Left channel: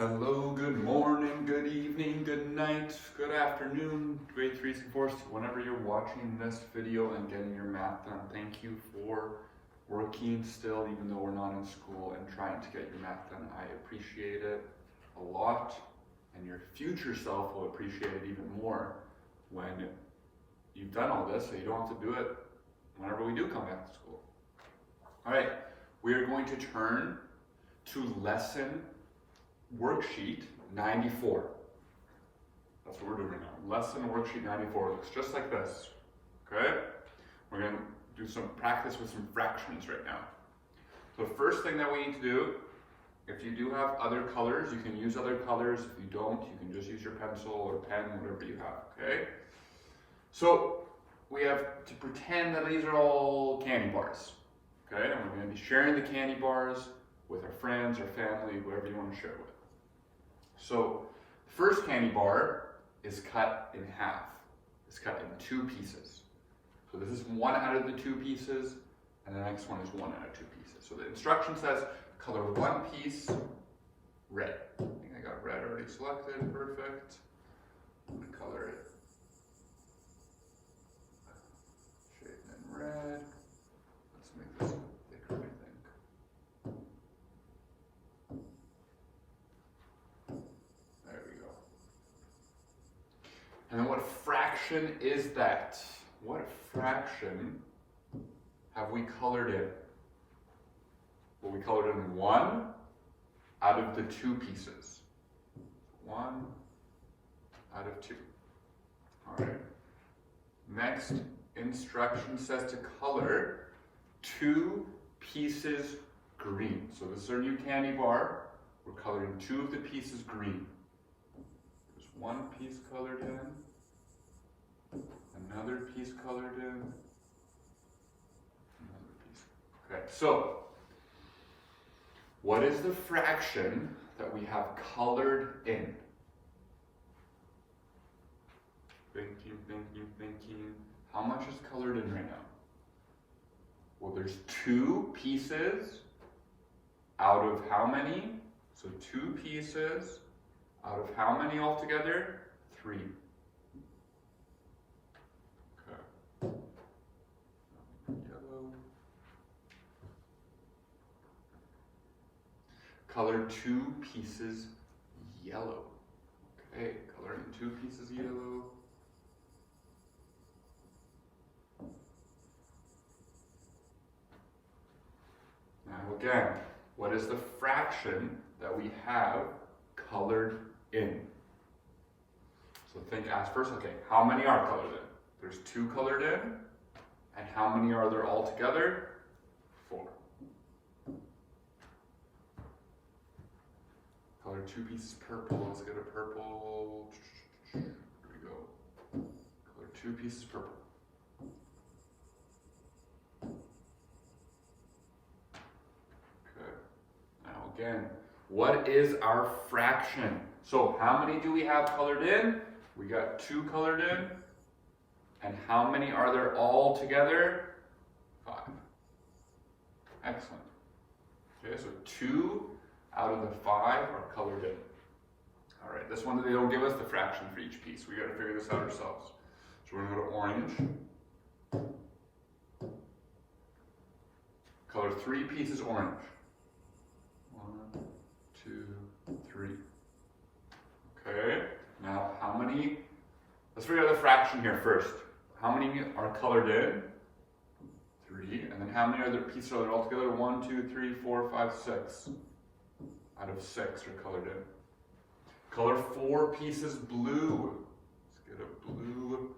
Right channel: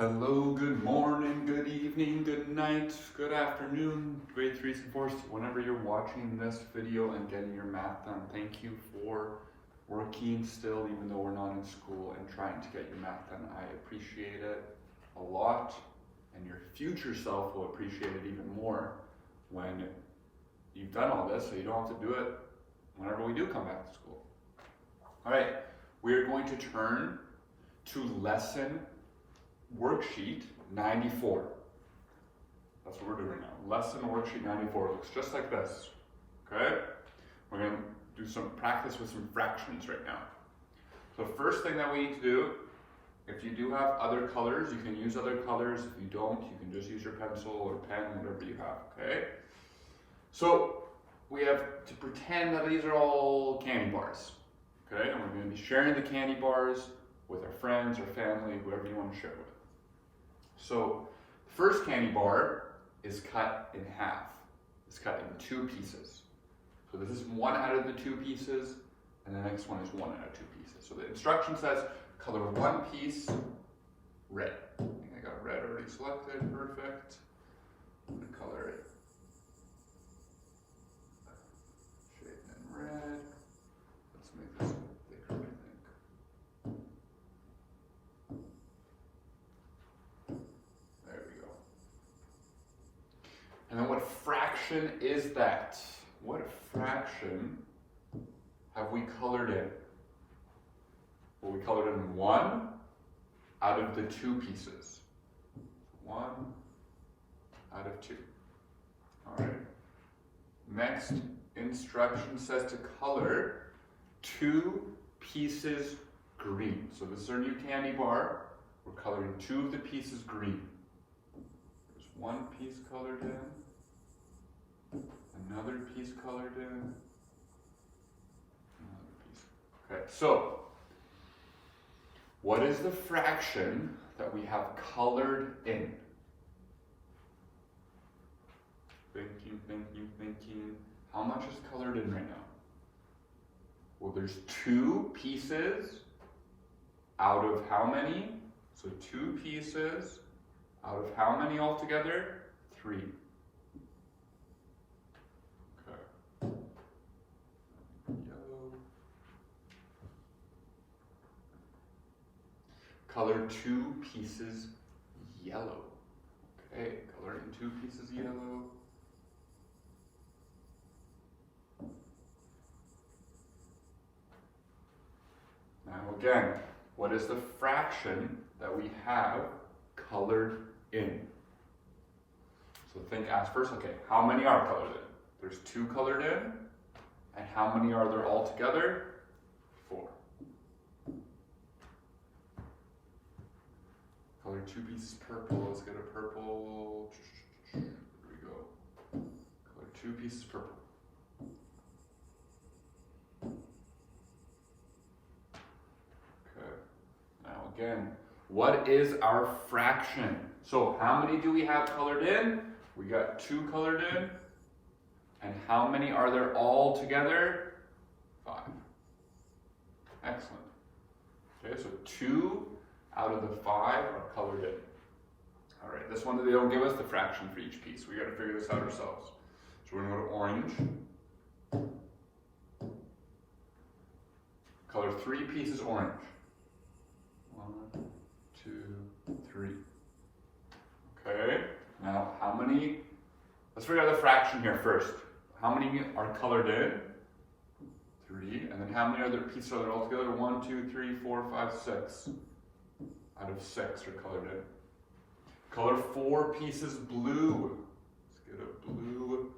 Hello, good morning, good evening, good night, good afternoon, grade 3s and 4s, whenever you're watching this video and getting your math done. Thank you for working still, even though we're not in school, and trying to get your math done. I appreciate it a lot, and your future self will appreciate it even more when you've done all this, so you don't have to do it whenever we do come back to school. All right, we are going to turn to lesson worksheet 94. That's what we're doing right now. Lesson worksheet 94 looks just like this. Okay? We're going to do some practice with some fractions right now. So first thing that we need to do, if you do have other colors, you can use other colors. If you don't, you can just use your pencil or pen, whatever you have. Okay? So we have to pretend that these are all candy bars. Okay? And we're going to be sharing the candy bars with our friends or family, whoever you want to share with. So the first candy bar is cut in half. It's cut in 2 pieces. So this is one out of the 2 pieces, and the next one is one out of 2 pieces. So the instruction says color one piece red. I think I got red already selected, perfect. I'm going to color it shade in red. Let's make this thicker, I think. And then what fraction is that? What fraction have we colored in? Well, we colored in 1 out of the 2 pieces. 1 out of 2. All right. Next instruction says to color 2 pieces green. So this is our new candy bar. We're coloring 2 of the pieces green. There's 1 piece colored in. Another piece colored in, another piece. Okay, so what is the fraction that we have colored in? Thinking. How much is colored in right now? Well, there's 2 pieces out of how many? So 2 pieces out of how many altogether? 3. Color 2 pieces yellow. Okay, color in 2 pieces yellow. Now again, what is the fraction that we have colored in? So ask first, okay, how many are colored in? There's 2 colored in, and how many are there altogether? 4. Color 2 pieces purple. Let's get a purple. Here we go. Color 2 pieces purple. Okay. Now again, what is our fraction? So how many do we have colored in? We got 2 colored in. And how many are there all together? 5. Excellent. Okay, so 2 out of the 5 are colored in. All right, this one they don't give us the fraction for each piece. We got to figure this out ourselves. So we're going to go to orange. Color 3 pieces orange. 1, 2, 3. Okay, now how many? Let's figure out the fraction here first. How many are colored in? 3. And then how many other pieces are there all together? 1, 2, 3, 4, 5, 6. Out of 6 are colored in. Color 4 pieces blue. Let's get a blue.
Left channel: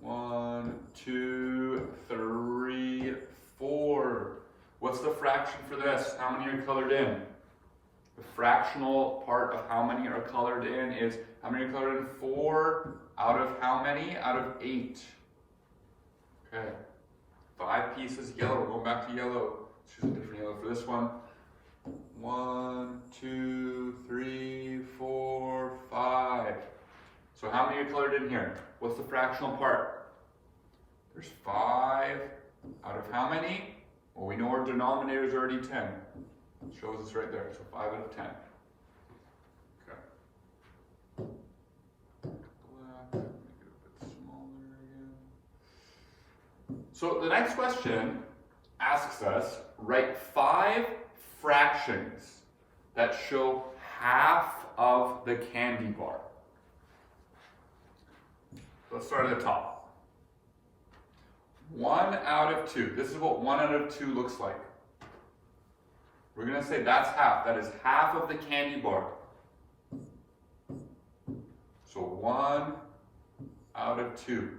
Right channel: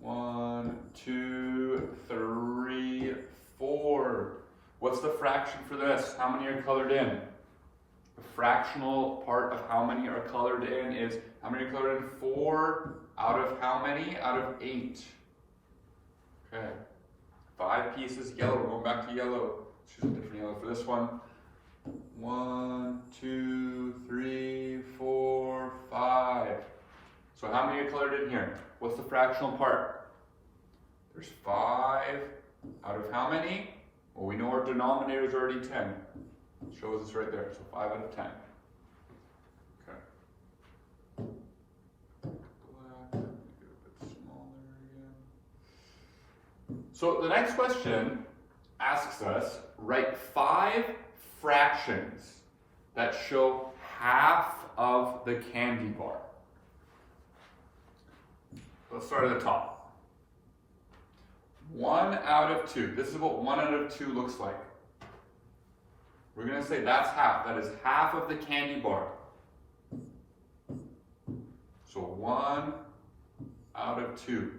1, 2, 3, 4. What's the fraction for this? How many are colored in? The fractional part of how many are colored in is, how many are colored in? 4 out of how many? Out of 8. Okay. 5 pieces yellow. We're going back to yellow. Let's use a different yellow for this one. 1, 2, 3, 4, 5. So how many are colored in here? What's the fractional part? There's 5 out of how many? Well, we know our denominator is already 10. It shows us right there, so 5 out of 10. So the next question asks us, write 5 fractions that show half of the candy bar. Let's start at the top. 1 out of 2. This is what 1 out of 2 looks like. We're going to say that's half. That is half of the candy bar. So 1 out of 2.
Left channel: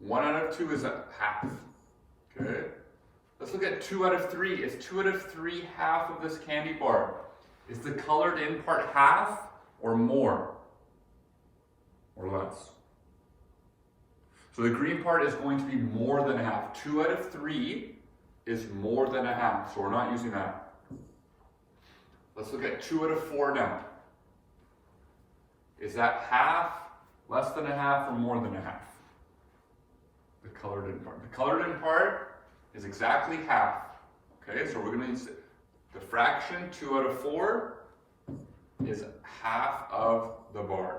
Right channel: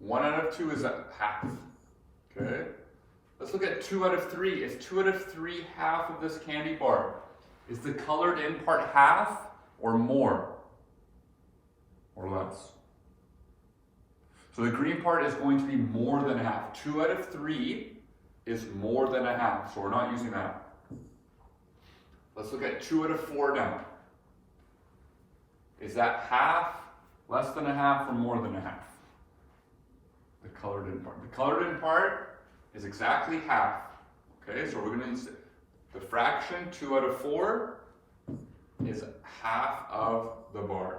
1 out of 2 is a half. Okay? Let's look at 2 out of 3. Is 2 out of 3 half of this candy bar? Is the colored in part half or more? Or less? So the green part is going to be more than half. 2 out of 3 is more than a half, so we're not using that. Let's look at 2 out of 4 now. Is that half, less than a half, or more than a half? The colored in part. The colored in part is exactly half. Okay, so we're going to use the fraction 2 out of 4 is half of the bar.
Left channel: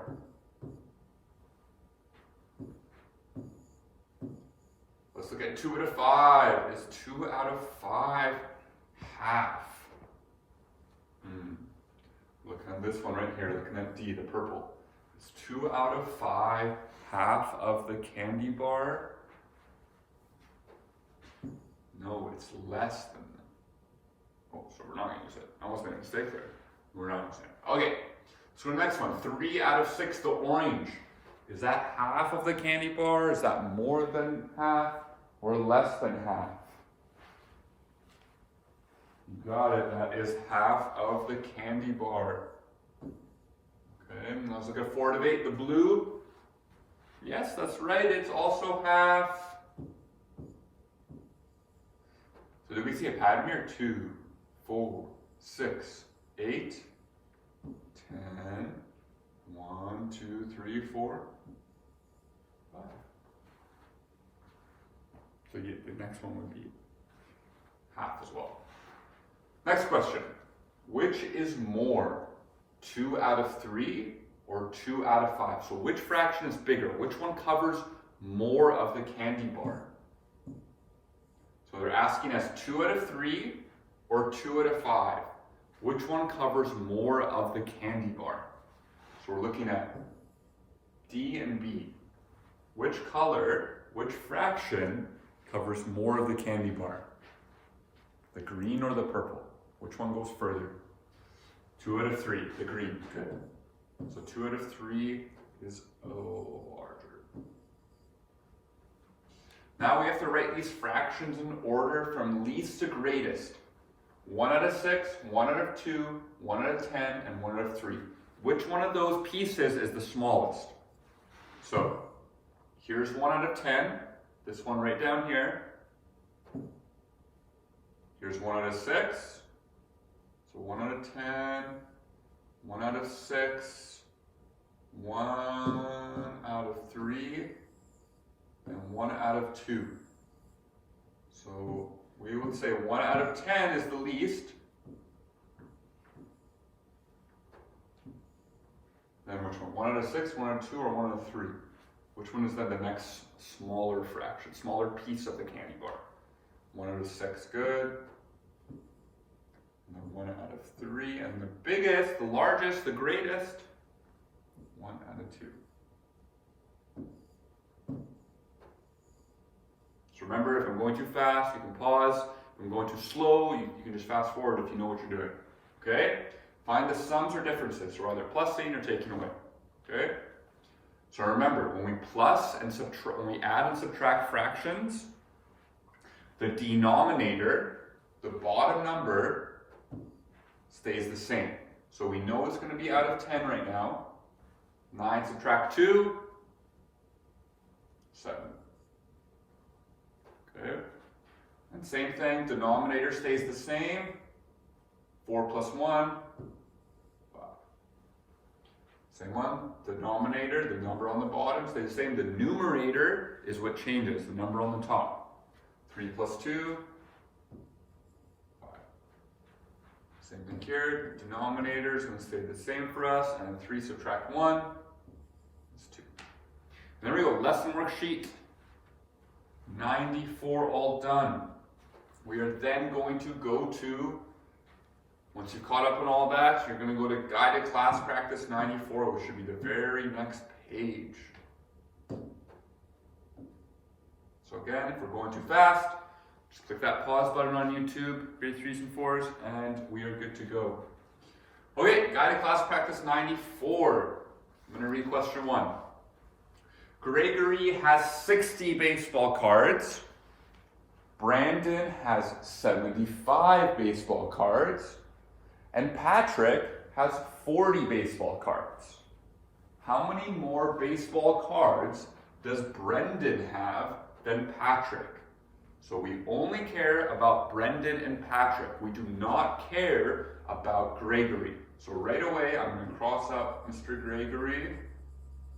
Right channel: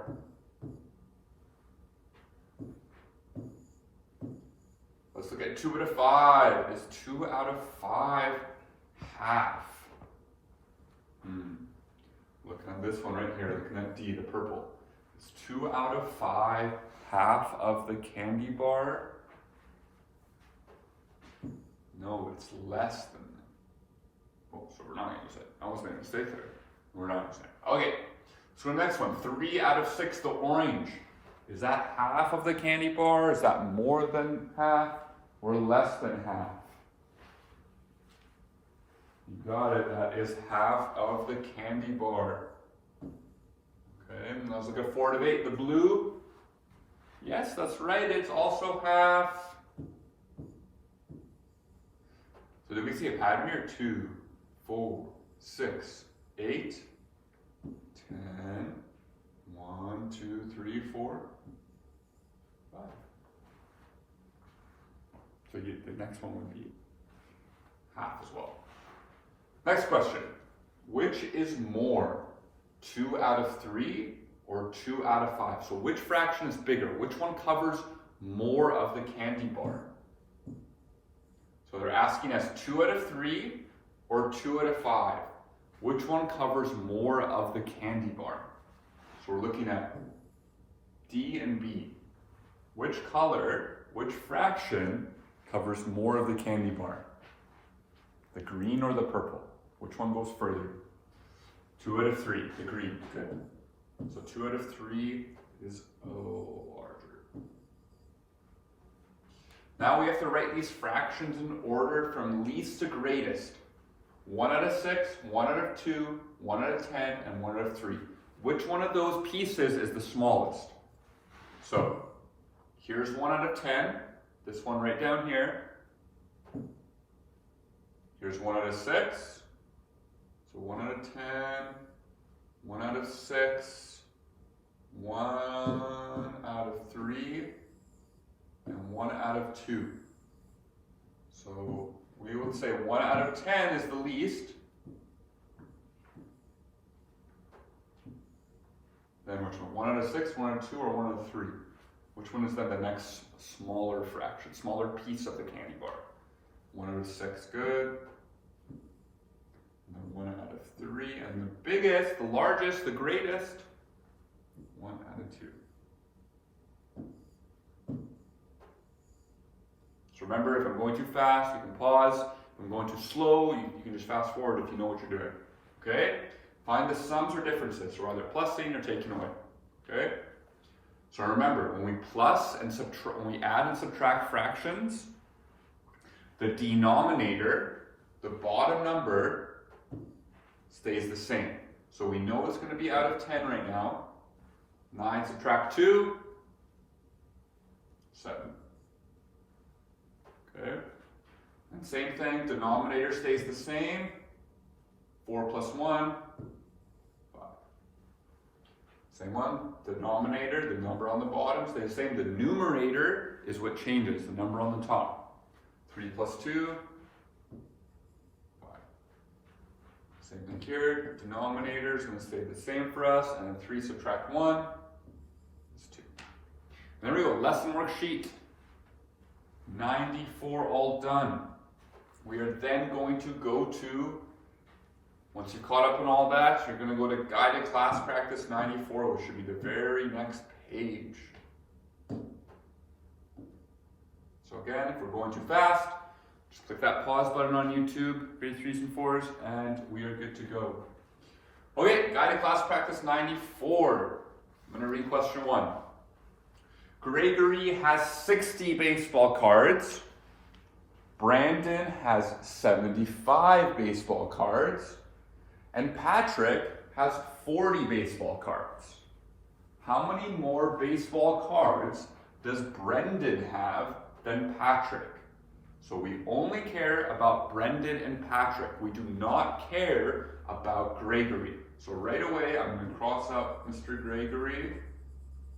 Let's look at 2 out of 5. Is 2 out of 5 half? Look at this one right here, looking at D, the purple. Is 2 out of 5 half of the candy bar? No, it's less than that. Oh, so we're not going to use it. I almost made a mistake there. We're not using it. Okay, so the next one, 3 out of 6, the orange. Is that half of the candy bar? Is that more than half or less than half? You got it, that is half of the candy bar. Okay, and let's look at 4 out of 8, the blue. Yes, that's right, it's also half. So did we see a pattern here? 2, 4, 6, 8, 10, 1, 2, 3, 4, 5. So the next one would be half as well. Next question. Which is more, 2 out of 3 or 2 out of 5? So which fraction is bigger? Which one covers more of the candy bar? So they're asking us 2 out of 3 or 2 out of 5. Which one covers more of the candy bar? So we're looking at D and B. Which color, which fraction covers more of the candy bar? The green or the purple? Which one goes further? 2 out of 3, the green, good. So 2 out of 3 is larger. Now we have to write these fractions in order from least to greatest. 1 out of 6, 1 out of 2, 1 out of 10, and 1 out of 3. Which one of those pieces is the smallest? So here's 1 out of 10, this one right down here. Here's 1 out of 6, so 1 out of 10, 1 out of 6, 1 out of 3, and 1 out of 2. So we would say 1 out of 10 is the least. Then which one? 1 out of 6, 1 out of 2, or 1 out of 3? Which one is then the next smaller fraction, smaller piece of the candy bar? 1 out of 6, good. And then 1 out of 3, and the biggest, the largest, the greatest, 1 out of 2. So remember, if I'm going too fast, you can pause. If I'm going too slow, you can just fast forward if you know what you're doing. Okay? Find the sums or differences. So either plussing or taking away. Okay? So remember, when we plus and subtract, when we add and subtract fractions, the denominator, the bottom number, stays the same. So we know it's going to be out of 10 right now. 9 subtract 2, 7. Okay? And same thing, denominator stays the same. 4 plus 1, 5. Same one, denominator, the number on the bottom stays the same. The numerator is what changes, the number on the top. 3 plus 2, 5. Same thing here, denominator is going to stay the same for us. And then 3 subtract 1, And there we go, lesson worksheet 94 all done. We are then going to go to, once you've caught up on all that, you're going to go to guided class practice 94, which should be the very next page. So again, if we're going too fast, just click that pause button on YouTube, grade 3s and 4s, and we are good to go. Okay, guided class practice 94. I'm going to read question 1. Gregory has 60 baseball cards. Brandon has 75 baseball cards. And Patrick has 40 baseball cards. How many more baseball cards does Brendan have than Patrick? So we only care about Brendan and Patrick. We do not care about Gregory. So right away, I'm going to cross out Mr. Gregory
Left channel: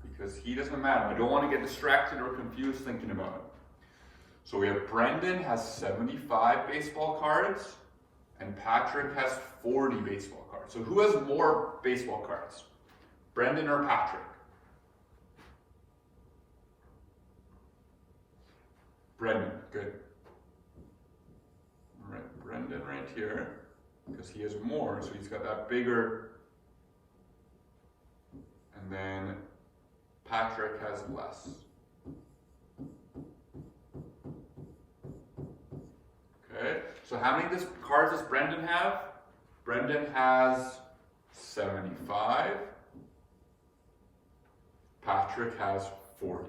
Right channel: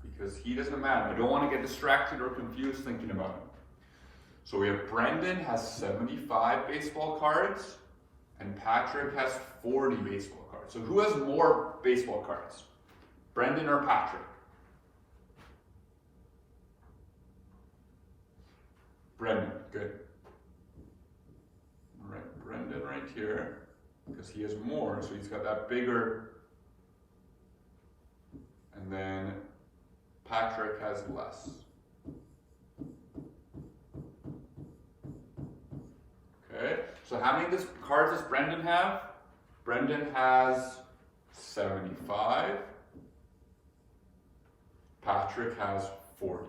because he doesn't matter. I don't want to get distracted or confused thinking about him. So we have Brendan has 75 baseball cards and Patrick has 40 baseball cards. So who has more baseball cards? Brendan or Patrick? Brendan, good. All right, Brendan right here, because he has more, so he's got that bigger. And then Patrick has less. Okay, so how many cards does Brendan have? Brendan has 75. Patrick has 40.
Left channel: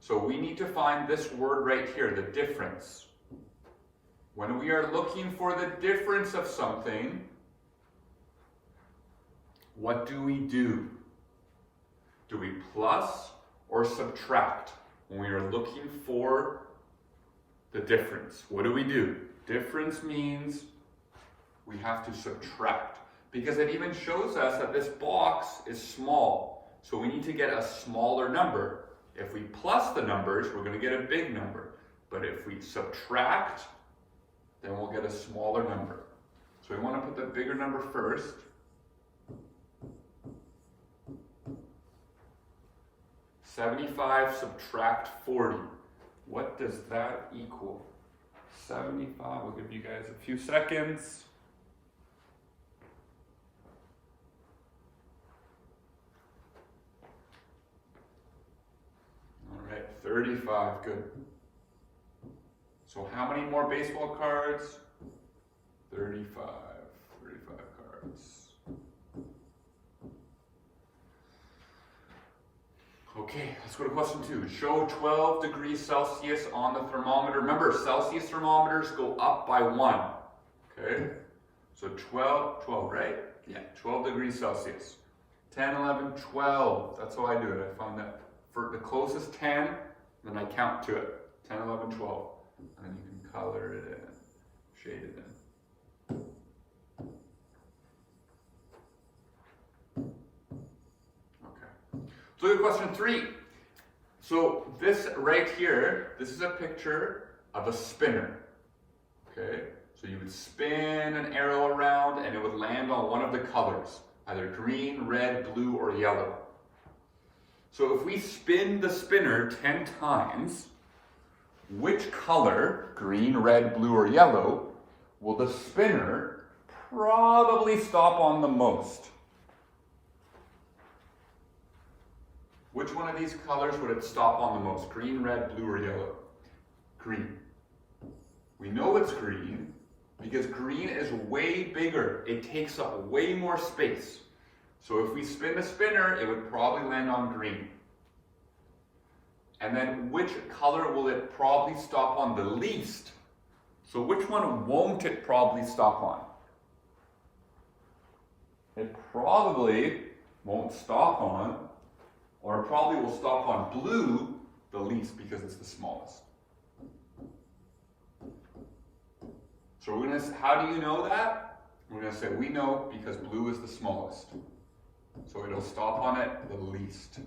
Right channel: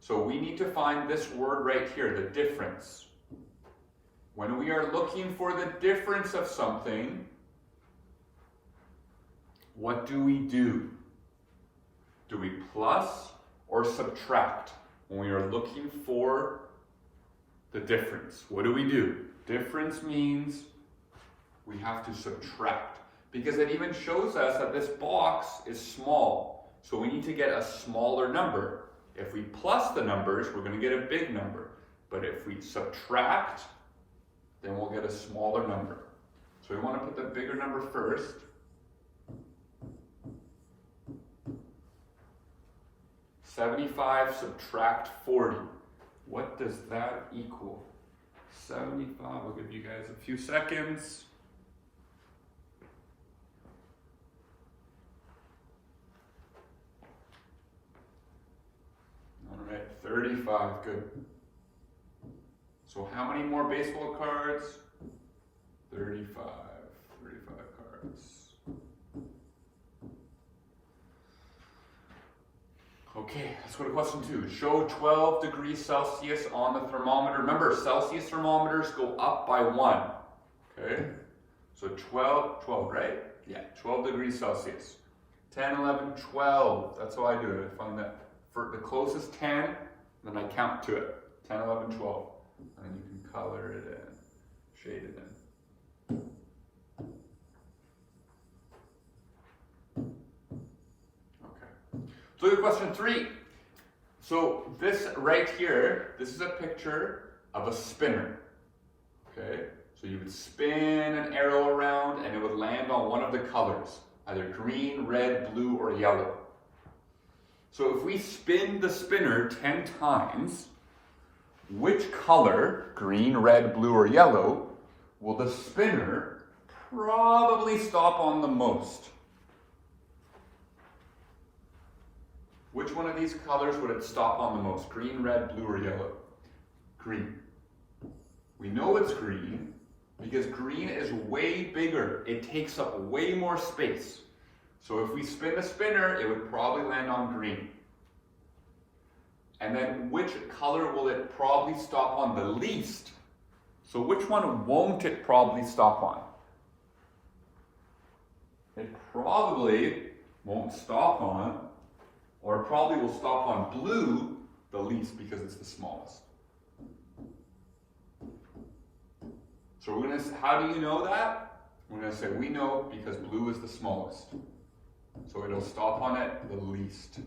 So we need to find this word right here, the difference. When we are looking for the difference of something, what do we do? Do we plus or subtract when we are looking for the difference? What do? Difference means we have to subtract because it even shows us that this box is small. So we need to get a smaller number. If we plus the numbers, we're going to get a big number. But if we subtract, then we'll get a smaller number. So we want to put the bigger number first. $75 subtract 40. What does that equal? 75, I'll give you guys a few seconds. All right, 35, good. So how many more baseball cards? 35 cards. Okay, let's go to question 2. Show 12 degrees Celsius on the thermometer. Remember, Celsius thermometers go up by 1. Okay, so 12, right? Yeah, 12 degrees Celsius. 10, 11, 12. That's how I do it. I find that for the closest 10, then I count to it. 10, 11, 12. And then you can color it in, shade it in. Okay. So look at question 3. So this right here, this is a picture of a spinner. Okay. So you would spin an arrow around and it would land on one of the colors, either green, red, blue, or yellow. So if we spin the spinner 10 times, which color, green, red, blue, or yellow, will the spinner probably stop on the most? Which one of these colors would it stop on the most? Green, red, blue, or yellow? Green. We know it's green because green is way bigger. It takes up way more space. So if we spin the spinner, it would probably land on green. And then which color will it probably stop on the least? So which one won't it probably stop on? It probably won't stop on, or it probably will stop on blue the least because it's the smallest. So we're going to, how do you know that? We're going to say we know because blue is the smallest. So it'll stop on it the least.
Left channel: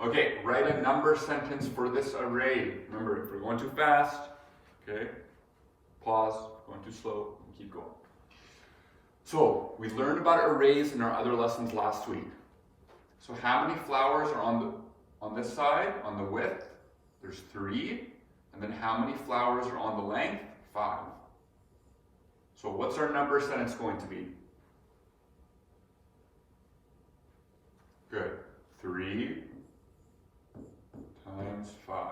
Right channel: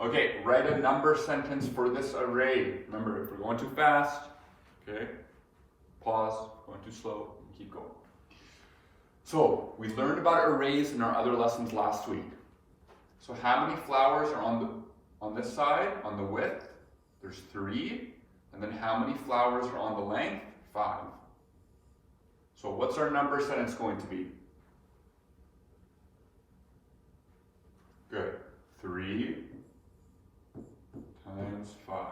Okay, write a number sentence for this array. Remember, if we're going too fast, okay, pause, going too slow, and keep going. So, we learned about arrays in our other lessons last week. So how many flowers are on this side, on the width? There's 3. And then how many flowers are on the length? 5. So what's our number sentence going to be? Good. 3 times 5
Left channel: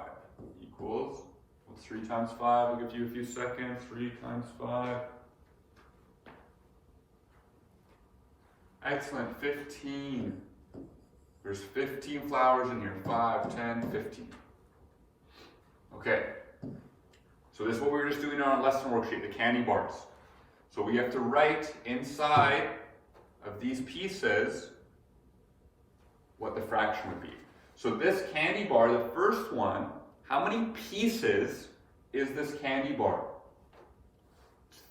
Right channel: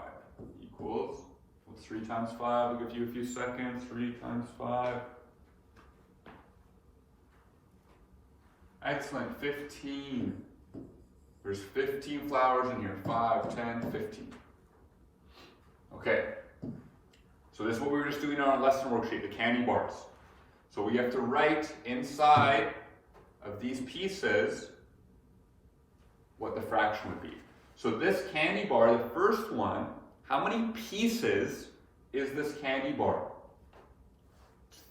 equals, what's 3 times 5? I'll give you a few seconds. 3 times 5. Excellent, 15. There's 15 flowers in here. 5, 10, 15. Okay. So this is what we were just doing on our lesson worksheet, the candy bars. So we have to write inside of these pieces what the fraction would be. So this candy bar, the first one, how many pieces is this candy bar?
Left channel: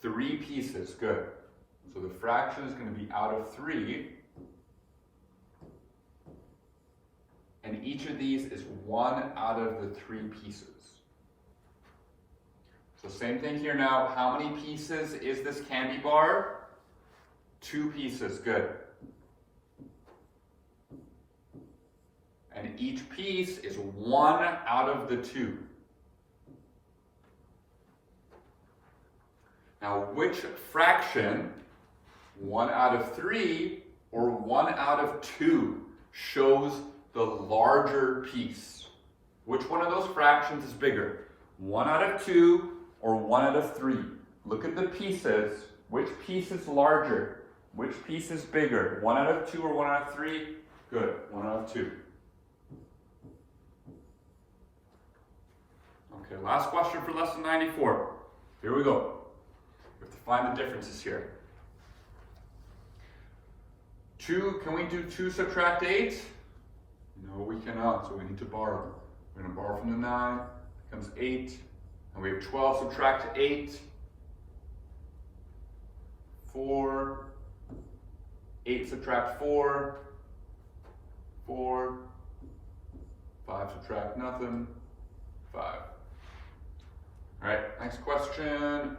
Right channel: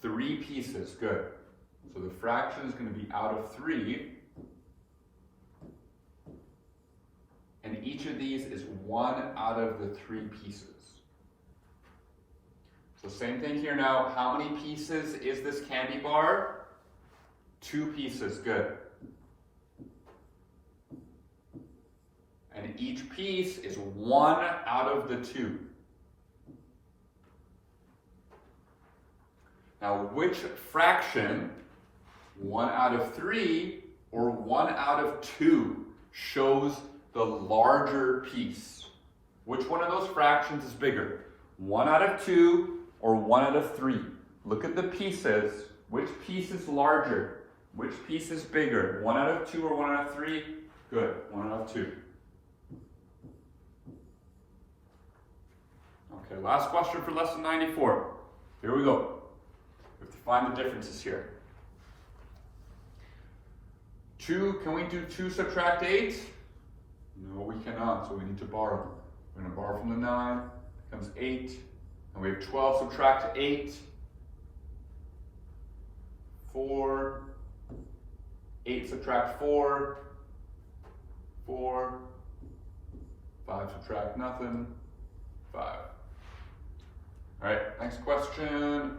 3 pieces, good. So the fraction is going to be out of 3. And each of these is 1 out of the 3 pieces. So same thing here now. How many pieces is this candy bar? 2 pieces, good. And each piece is 1 out of the 2. Now, which fraction, 1 out of 3 or 1 out of 2, shows the larger piece? Which one of those fractions is bigger? 1 out of 2 or 1 out of 3? Look at the pieces. Which piece is larger? Which piece is bigger? 1 out of 2 or 1 out of 3? Good, 1 out of 2. Okay, last question for lesson 94. Here we go. We have to find the differences here. 2, can we do 2 subtract 8? No, we cannot, so we need to borrow. We're going to borrow from the 9, becomes 8. And we have 12 subtract 8, 4, 8 subtract 4, 4, 5 subtract nothing, 5. All right, next question.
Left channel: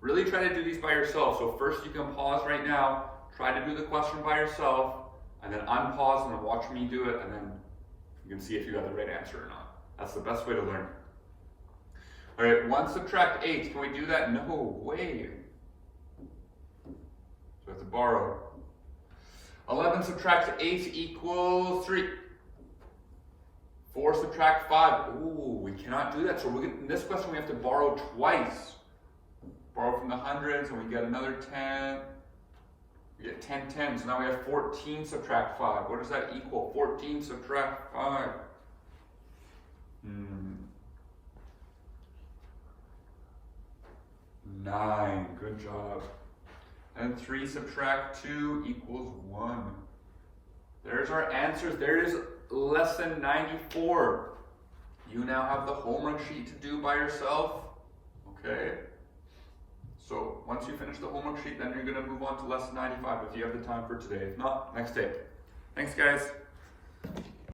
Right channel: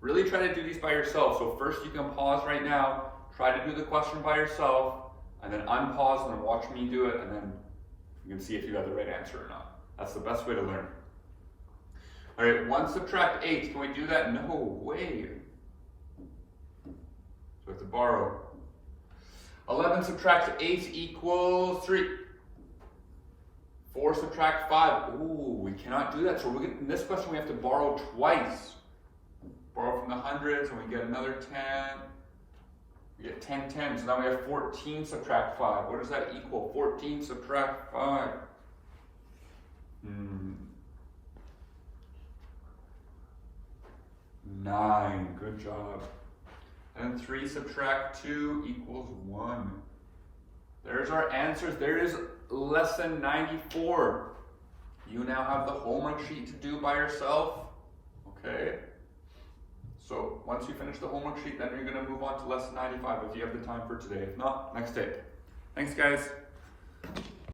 Really try to do these by yourself. So first you can pause right now, try to do the question by yourself, and then unpause and watch me do it, and then you can see if you got the right answer or not. That's the best way to learn. All right, 1 subtract 8, can we do that? No way. So we have to borrow. 11 subtract 8 equals 3. 4 subtract 5, ooh, we cannot do that. So in this question we have to borrow twice. Borrow from the hundreds and we get another 10. We get 10 10, so now we have 14 subtract 5. What does that equal? 14 subtract 5. 9, good job. And 3 subtract 2 equals 1. There's our answers. There's lesson 94. You now have the homework sheet to do by yourself. Okay? So once you finish the homework sheet, then you're going to move on to lesson 95 if you have the time for today. If not, next day. Thanks, guys.